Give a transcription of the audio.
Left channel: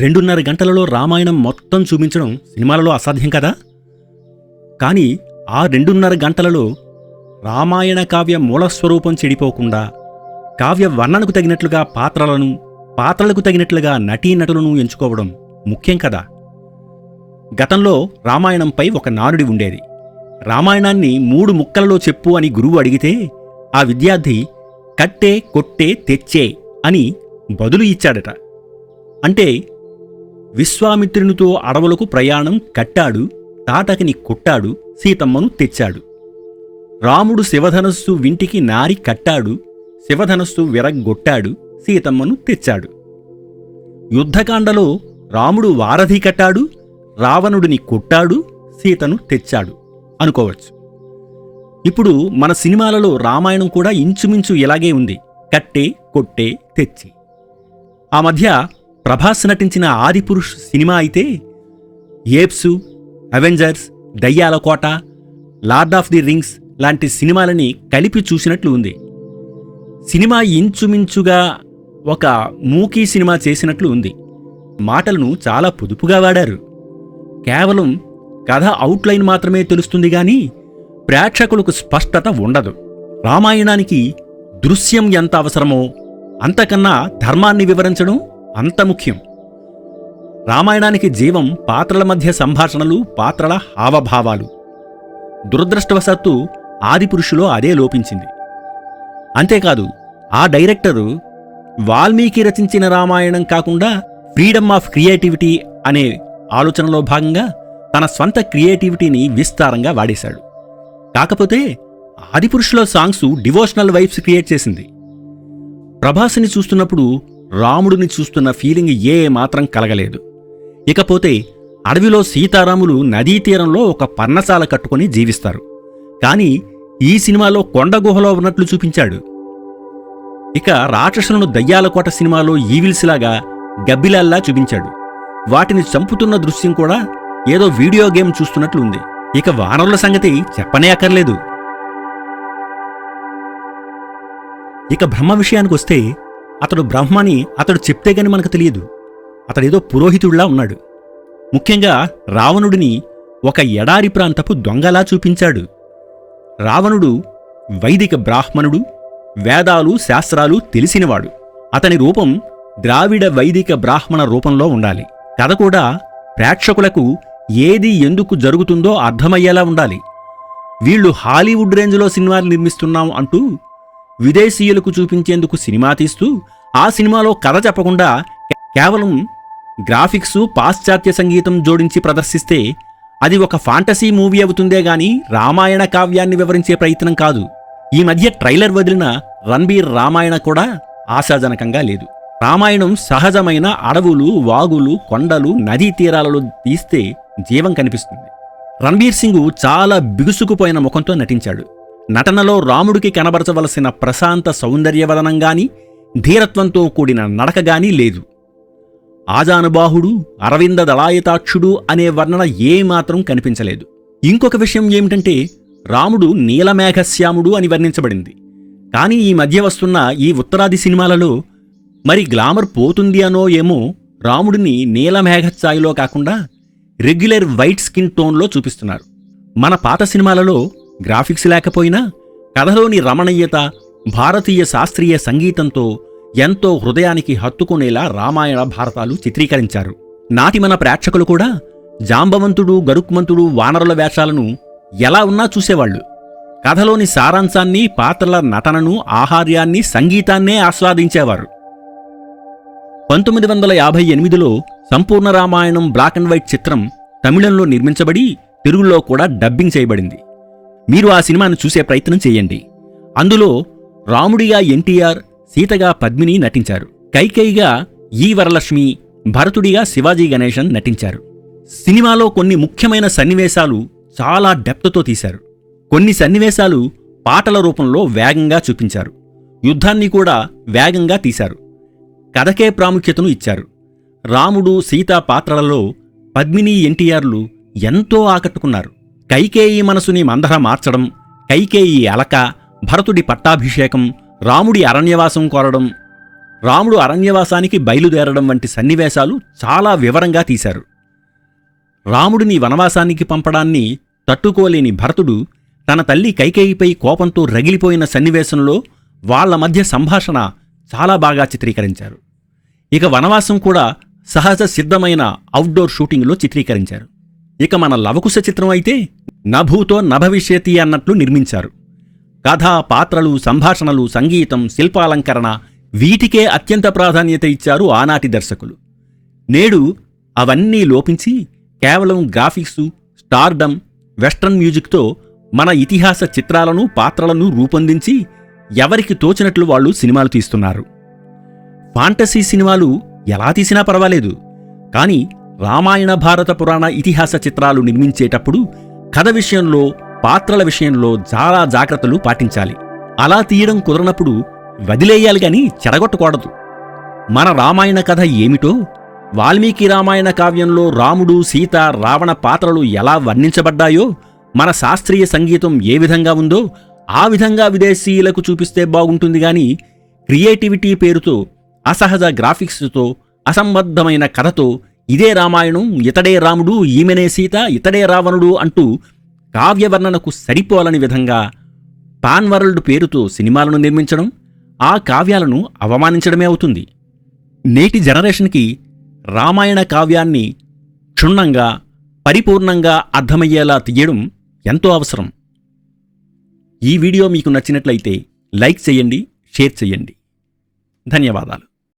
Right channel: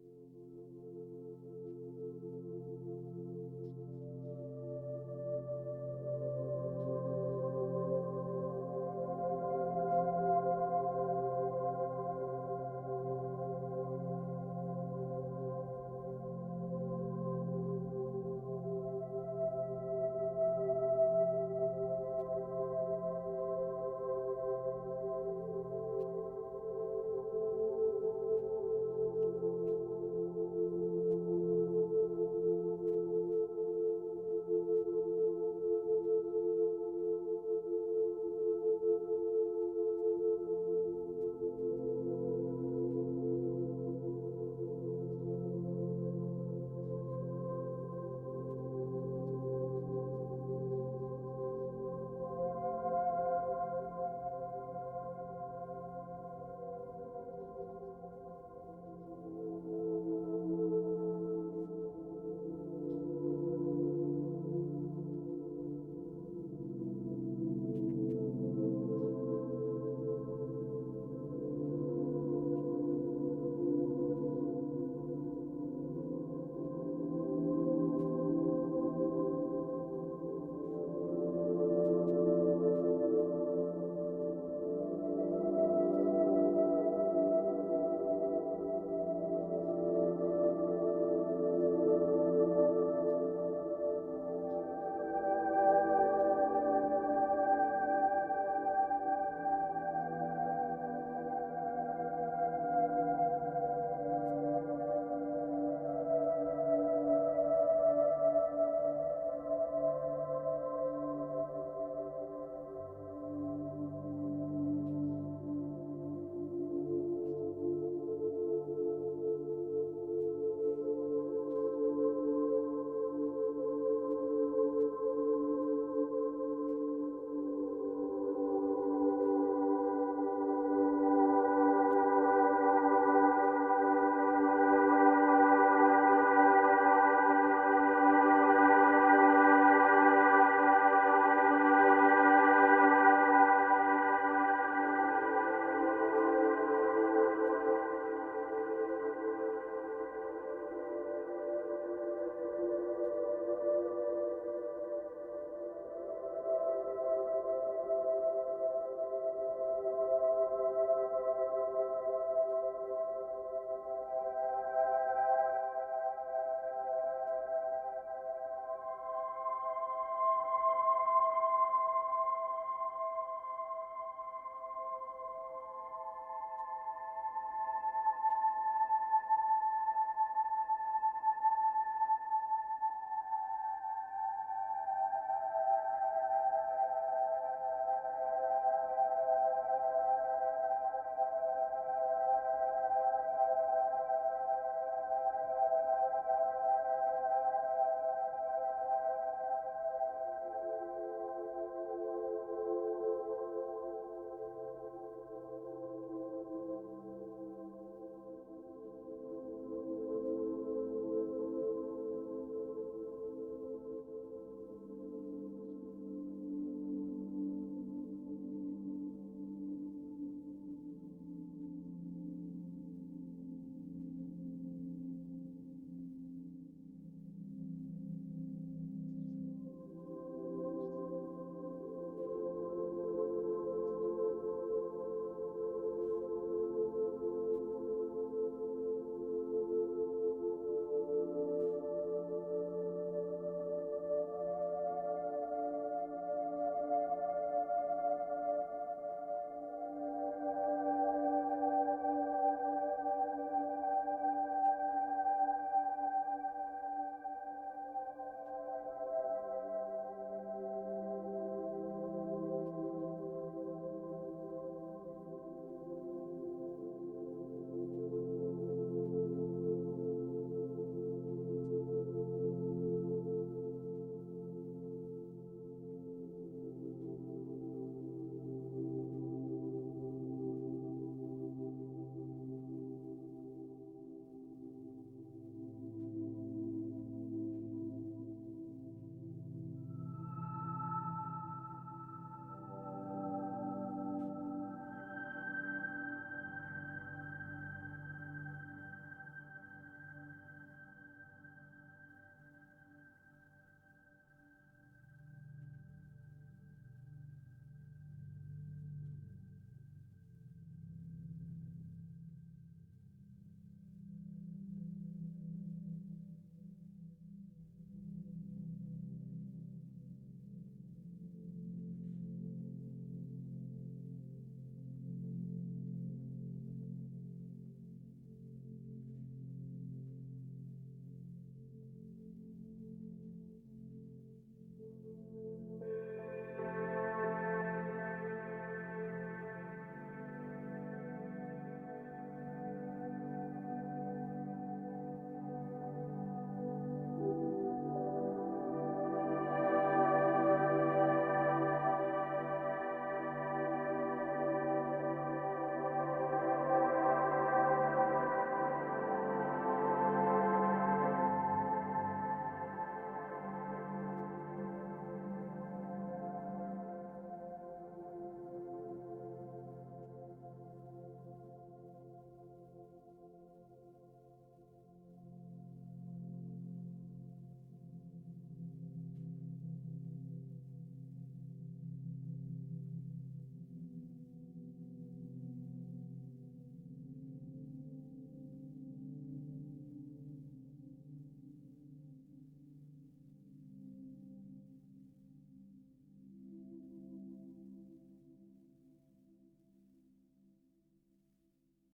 2:30 గంటలలో రామాయణం మొత్తం చూపించడం సినిమాలలో అసాధ్యం కదా. కానీ ఆ 2:30 గంటలలో రామాయణ కావ్య మూలస్వరూపం చెడిపోకుండా కావ్య వర్ణనకు తగినట్లుగా పాత్రలకు తగినట్లుగా నటీనటులను ఎంచుకోవడం ముఖ్యం కదా. గతంలో రామాయణంపై ఒక నానుడి ఉండేది. రామాయణాన్ని 3 ముక్కలలో చెప్పు అని గురువు అడిగితే ఆ విద్యార్థి కట్టే కొట్టే తెచ్చే అని బదులు ఇచ్చాడట. అంటే విశ్వామిత్రునితో అడవులకు ప్రయాణం కట్టాడు, తాటకిని కొట్టాడు, సీతమ్మను తెచ్చాడు. రాముడు శివధనస్సు వింటికి నారి కట్టాడు, శివధనస్సు విరగ్గొట్టాడు, సీతమ్మను తెచ్చాడు. యుద్ధకాండలో రాముడు వారధి కట్టాడు, రావణుడిని కొట్టాడు, సీతను తెచ్చాడు అనుకోవచ్చు. ఇప్పుడు మన సినిమాలలో రామాయణం కూడా ఇంచుమించు ఇలాగే ఉంది, కట్టే కొట్టే తెచ్చి. ఆ మధ్య ప్రభాస్ నటించిన ఆదిపురుష్ సినిమా అయితే ఏప్సు, అవెంజర్స్, దయ్యాల కోట, లార్డ్ ఆఫ్ ది రింగ్స్ లాంటి సినిమాలని కలిపి చూసినట్లు ఉంది. సినిమా ఇంచుమించుగా ఒక మూకీ సినిమా చేసినట్లు ఉంది. మాటలను చాలా పొదుపుగా వాడారు. కేవలం కథ అవుట్లైన్ మాత్రమే తెలుస్తుంది గాని ప్రేక్షకులకు స్పష్టత ఉండదు. రామాయణానికి దృశ్యం ఎంత అవసరమో అంతకన్నా ధర్మాన్ని వివరించడం అంత ముఖ్యం. రామాయణానికి జీవం పాత్రల మధ్య సంభాషణలు, పాత్రల హావభావాలు. దురదృష్టవశాత్తు ఆదిపురుషులో అదే లోపించింది. అంతేకాదు ఆ డైరెక్టరు వాల్మీకి రచించిన రామాయణం కాకుండా ఫ్రీడమ్ ఆఫ్ క్రియేటివిటీ అనే ఆలోచనలో భాగంగా తన స్వంత క్రియేటివిటీని విస్తారంగా వాడేశాడు. కాకపోతే ఆదిపురుషులో సాంగ్సు డివోషనల్ వైబ్స్ క్రియేట్ చేసింది. ప్రభాస్ని చూస్తున్నప్పుడు రాముడిని చూస్తున్న ఫీలింగ్ ఏ మాత్రం కలగలేదు. ఇకపోతే అడవిలో సీతారాములు నదీ తీరంలో ఒక పర్ణశాల కట్టుకుని జీవిస్తారు. కానీ ఈ సినిమాలో కొండ గుహలో ఉన్నట్లు చూపించాడు. ఇక రాక్షసులను దయ్యాల కోట సినిమాలో ఈవిల్స్లాగా గబ్బిలాల్లా చూపించాడు. వాటిని చంపుతున్న దృశ్యం కూడా ఏదో వీడియో గేమ్ చూస్తున్నట్లు ఉంది. ఇక వానరుల సంగతి చెప్పనే అక్కర్లేదు. ఇక బ్రహ్మ విషయానికొస్తే అతడు బ్రహ్మని అతడు చెప్తే గాని మనకు తెలియదు. అతడేదో పురోహితుడిలా ఉన్నాడు. ముఖ్యంగా రావణుడిని ఒక ఎడారి ప్రాంతపు దొంగలా చూపించాడు. రావణుడు వైదిక బ్రాహ్మణుడు, వేదాలు శాస్త్రాలు తెలిసినవాడు. అతని రూపం ద్రావిడ వైదిక బ్రాహ్మణ రూపంలో ఉండాలి. కథ కూడా ప్రేక్షకులకు ఏది ఎందుకు జరుగుతుందో అర్థమయ్యేలా ఉండాలి. వీళ్లు హాలీవుడ్ రేంజ్లో సినిమాలు నిర్మిస్తున్నాం అంటూ విదేశీయులకు చూపించేందుకు సినిమా తీస్తూ ఆ సినిమాలో కథ చెప్పకుండా కేవలం గ్రాఫిక్సు, పాశ్చాత్య సంగీతం జోడించి ప్రదర్శిస్తే అది ఒక ఫాంటసీ మూవీ అవుతుందే గాని రామాయణ కావ్యాన్ని వివరించే ప్రయత్నం కాదు. ఈ మధ్య ట్రైలర్ వదిలిన రణబీర్ రామాయణ కూడా ఆశాజనకంగా లేదు. రామాయణం సహజమైన అడవులు, వాగులు, కొండలు, నదీ తీరాలలో తీస్తే జీవం కనిపిస్తుంది. రణబీర్ సింగ్ చాలా బిగుసుకుపోయిన ముఖంతో నటించాడు. నటనలో రాముడికి కనబరచవలసిన ప్రశాంత సౌందర్యవదనంగాని, ధీరత్వంతో కూడిన నడకగాని లేదు. ఆజానుబాహుడు, అరవింద దళాయతాక్షుడు అనే వర్ణన ఏమాత్రం కనిపించలేదు. ఇంకొక విషయం ఏమిటంటే రాముడు నీలమేఘశ్యాముడు అని వర్ణించబడింది. కానీ ఈ మధ్య వస్తున్న ఈ ఉత్తరాది సినిమాలలో మరి గ్లామర్ పోతుంది అనో ఏమో రాముడిని నీలమేఘఛాయలో కాకుండా రెగ్యులర్ వైట్ స్కిన్ టోన్లో చూపిస్తున్నారు. మన పాత సినిమాలలో గ్రాఫిక్స్ లేకపోయినా కథలోని రమణీయత, భారతీయ శాస్త్రీయ సంగీతంతో ఎంతో హృదయానికి హత్తుకునేలా రామాయణ భారతాలు చిత్రీకరించారు. నాటి మన ప్రేక్షకులు కూడా జాంబవంతుడు, గరుక్మంతుడు, వానరుల వేషాలను ఎలా ఉన్నా చూసేవాళ్లు. కథలోని సారాంశాన్ని, పాత్రల నటనను, ఆహార్యాన్ని, సంగీతాన్నే ఆస్వాదించేవారు. 1958లో సంపూర్ణ రామాయణం బ్లాక్ అండ్ వైట్ చిత్రం తమిళంలో నిర్మించబడి తెలుగులో కూడా డబ్బింగ్ చేయబడింది. మీరు ఆ సినిమాను చూసే ప్రయత్నం చేయండి. అందులో రాముడిగా ఎన్టీఆర్, సీతగా పద్మిని నటించారు. కైకేయిగా ఈ వరలక్ష్మి, భరతుడిగా శివాజీ గణేశన్ నటించారు. సినిమాలో కొన్ని ముఖ్యమైన సన్నివేశాలు చాలా డెప్త్తో తీశారు. కొన్ని సన్నివేశాలు పాటల రూపంలో వేగంగా చూపించారు. యుద్ధాన్ని కూడా వేగంగా తీశారు. కథకే ప్రాముఖ్యతను ఇచ్చారు. రాముడు, సీతా పాత్రలలో పద్మిని, ఎన్టీఆర్లు ఎంతో ఆకట్టుకున్నారు. కైకేయి మనసుని మందర మార్చడం, కైకేయి అలక, భరతుడి పట్టాభిషేకం, రాముడి అరణ్యవాసం కోరడం, రాముడు అరణ్యవాసానికి బయలుదేరడం వంటి సన్నివేశాలు చాలా వివరంగా తీశారు. రాముడిని వనవాసానికి పంపడాన్ని తట్టుకోలేని భరతుడు తన తల్లి కైకేయిపై కోపంతో రగిలిపోయిన సన్నివేశంలో వాళ్ల మధ్య సంభాషణ చాలా బాగా చిత్రీకరించారు. ఇక వనవాసం కూడా సహజ సిద్ధమైన అవుట్డోర్ షూటింగ్లో చిత్రీకరించారు. ఇక మన లవకుశ చిత్రం అయితే నభూతో నభవిష్యతి అన్నట్లు నిర్మించారు. కథ, పాత్రలు, సంభాషణలు, సంగీతం, శిల్పాలంకరణ వీటికే అత్యంత ప్రాధాన్యత ఇచ్చారు ఆనాటి దర్శకులు. నేడు అవన్నీ లోపించి కేవలం గ్రాఫిక్సు, స్టార్డమ్, వెస్ట్రన్ మ్యూజిక్తో మన ఇతిహాస చిత్రాలను, పాత్రలను రూపొందించి ఎవరికి తోచినట్లు వాళ్ళు సినిమాలు తీస్తున్నారు. ఫాంటసీ సినిమాలు ఎలా తీసినా పర్వాలేదు, కానీ రామాయణ, భారత పురాణ ఇతిహాస చిత్రాలు నిర్మించేటప్పుడు కథ విషయంలో, పాత్రల విషయంలో చాలా జాగ్రత్తలు పాటించాలి. అలా తీయడం కుదరనప్పుడు వదిలేయాలి గాని చెడగొట్టకూడదు. మన రామాయణ కథ ఏమిటో, వాల్మీకి రామాయణ కావ్యంలో రాముడు, సీత, రావణ పాత్రలు ఎలా వర్ణించబడ్డాయో, మన శాస్త్రీయ సంగీతం ఏ విధంగా ఉందో ఆ విధంగా విదేశీయులకు చూపిస్తే బాగుంటుంది గాని క్రియేటివిటీ పేరుతో, అసహజ గ్రాఫిక్స్తో, అసంబద్ధమైన కథతో ఇదే రామాయణం, ఇతడే రాముడు, ఈమెనే సీత, ఇతడే రావణుడు అంటూ కావ్యవర్ణనకు సరిపోలని విధంగా పాన్ వరల్డ్ పేరుతో సినిమాలను నిర్మించడం ఆ కావ్యాలను అవమానించడమే అవుతుంది. నేటి జనరేషన్కి రామాయణ కావ్యాన్ని క్షుణ్ణంగా, పరిపూర్ణంగా అర్థమయ్యేలా తీయడం ఎంతో అవసరం. ఈ వీడియో మీకు నచ్చినట్లయితే లైక్ చేయండి, షేర్ చేయండి. ధన్యవాదాలు.